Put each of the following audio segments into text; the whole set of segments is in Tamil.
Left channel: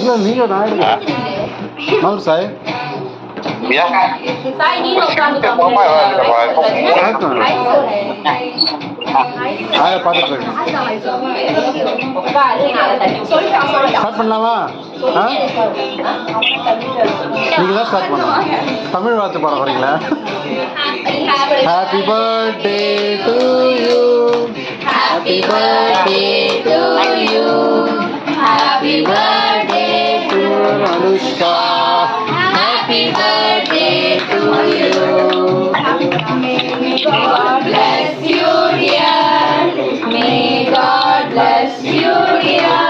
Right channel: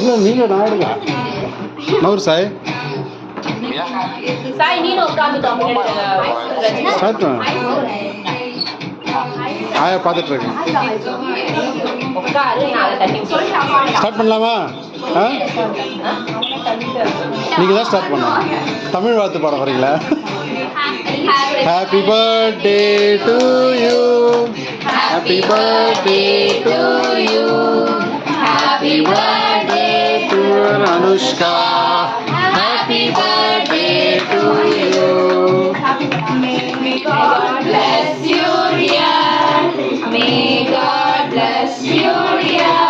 இல்லை நீங்கள் நான் எடுங்க நவர் சாய் ஆயா பார்த்துட்டு இருக்கேன். ஸ்டார்ட் பண்ணலாமா? நீங்கள் தான் ஸ்டார்ட் பண்ணலாம். தமிழ் வாழ்த்து பாட போறீங்களா? Happy birthday to you, happy birthday to you, happy birthday to Anushka, happy birthday to you. May God bless you, dear. May God bless you, dear.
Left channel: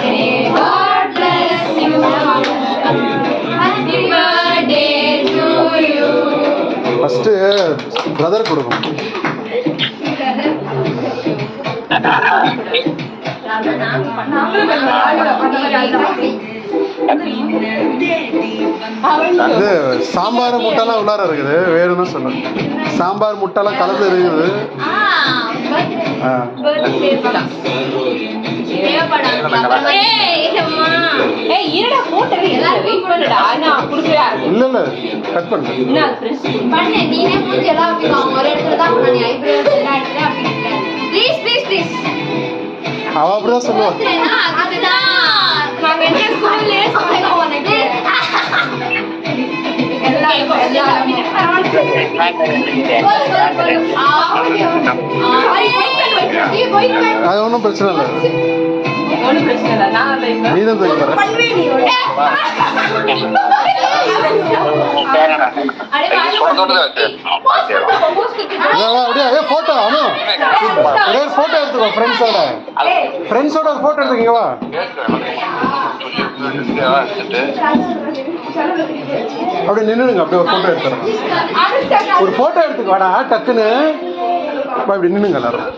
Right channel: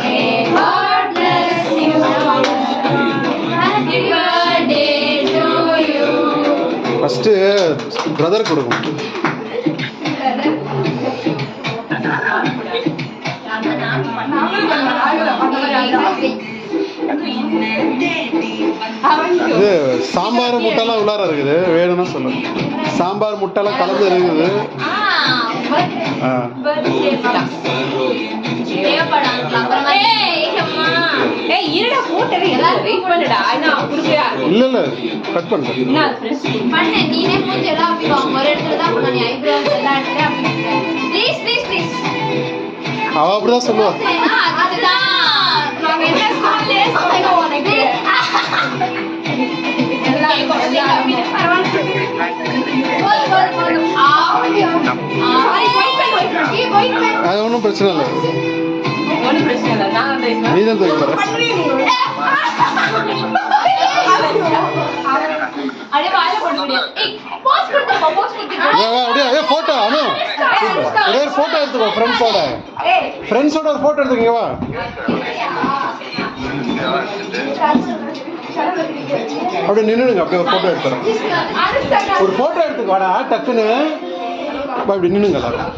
May God bless you. Happy birthday to you. First brother கொடுக்கும். சாம்பார் முட்டைலாம் உள்ளார இருக்குது, வேணும்னா சொல்லுங்க. சாம்பார் முட்டைலாம் கலந்து இருக்குது. இல்ல இல்ல கட் பண்ணு. அவ அப்படிதான் சொல்லுவா. அது ஒன்றும் பிரச்சனை இல்லை, நீ தான் தூக்கி போற. அப்படியே அதே போட்டோ அனு ஒரே ஒரு போட்டோ எடுத்துக்கோ. ஃப்ரெண்ட்ஸோட ஒரு போட்டோ எடுத்துக்கீங்க. வா அப்படியே நின்னுடுங்க. அப்படியே ஒரு போட்டோ எடுத்துறேன். ஒரு போட்டோ எடுத்துக்கு வாடா டக்குன்னு. அப்படி நின்னுங்க எல்லாரும்.